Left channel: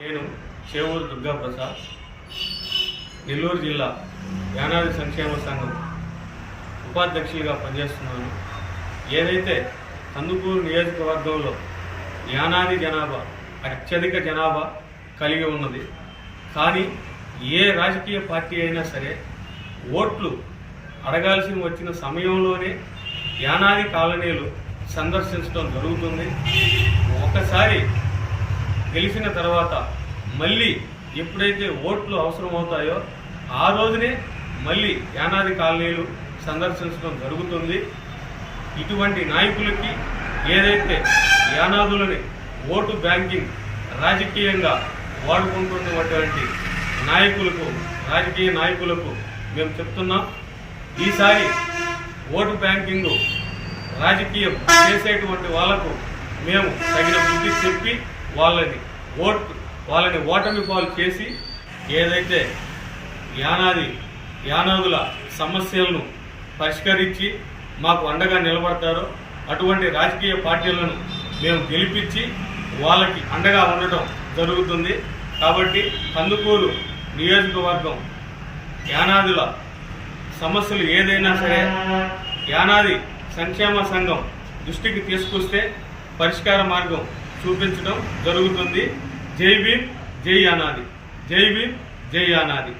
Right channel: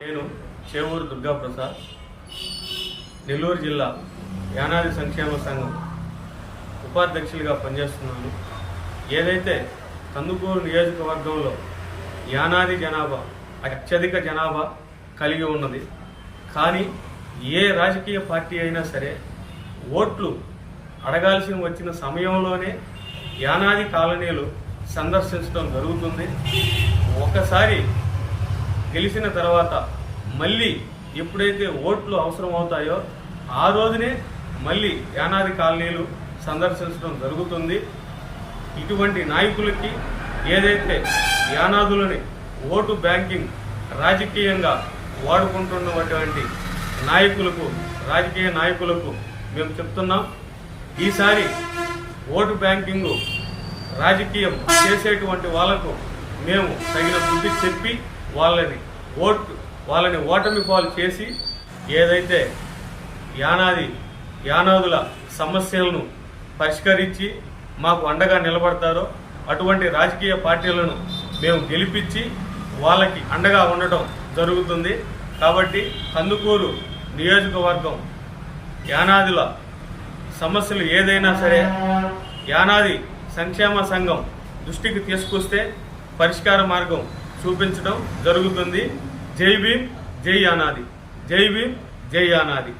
నేను చేవూరు దుర్గా ప్రసాద్ నెల్లూరు జిల్లా యానాది సంక్షేమ సంఘం ఉపాధ్యక్షులుగా పనిచేస్తున్నాను. ఏదైతే కందుకూరు నియోజకవర్గంలో యానాది జనాభా అత్యధిక జనాభా కలిగి ఉన్నది కానీ ఏ రాజకీయ పార్టీ అయినా సరే ఓట్లు అడగాల్సి వచ్చిన సమయంలోనే యానాది కాలనీలు సందర్శించడం జరుగుతుంది. ఒకసారి గెలిచిన తర్వాత మళ్ళీ ఎప్పుడైతే ఓట్లు అవసరం అవుతాయో ఆ రోజునే మళ్ళీ యానాది కాలనీలు సందర్శించడం జరుగుతుంది. ఇటువంటి నాయకులకి ఏదైతే యానాదులని ఓటు బ్యాంకింగ్ రాజకీయంగా వాడుకుంటున్నటువంటి నాయకులకు రాజకీయ నాయకులకు మేము చెప్తున్నాం. ఈసారి ఓటు బ్యాంకింగ్ రాజకీయం చేసేటువంటి వాళ్ళకు మేము తగిన బుద్ధి చెప్పి వాళ్ళని ఓటు వాళ్ళని ఓటమి పాలు చేసి ఏదైతే యానాది యానాదుల సమస్యలను పరిష్కరించి మాకు అండగా నిలబడతారో అటువంటి రాజకీయ పార్టీలను మేము గెలిపించి వాళ్ళకి అండగా ఉండటం జరుగుతుంది. కాబట్టి కందుకూరు నియోజకవర్గం యానాదుల సమస్యలు ఏదైనా సరే యానాది సంక్షేమ సంఘం దృష్టికి తీసుకొస్తే పరిష్కార మార్గం చూపించడం జరుగుతుంది. జై భీమ్ జై అనాది. జై భీమ్ జై అనాది.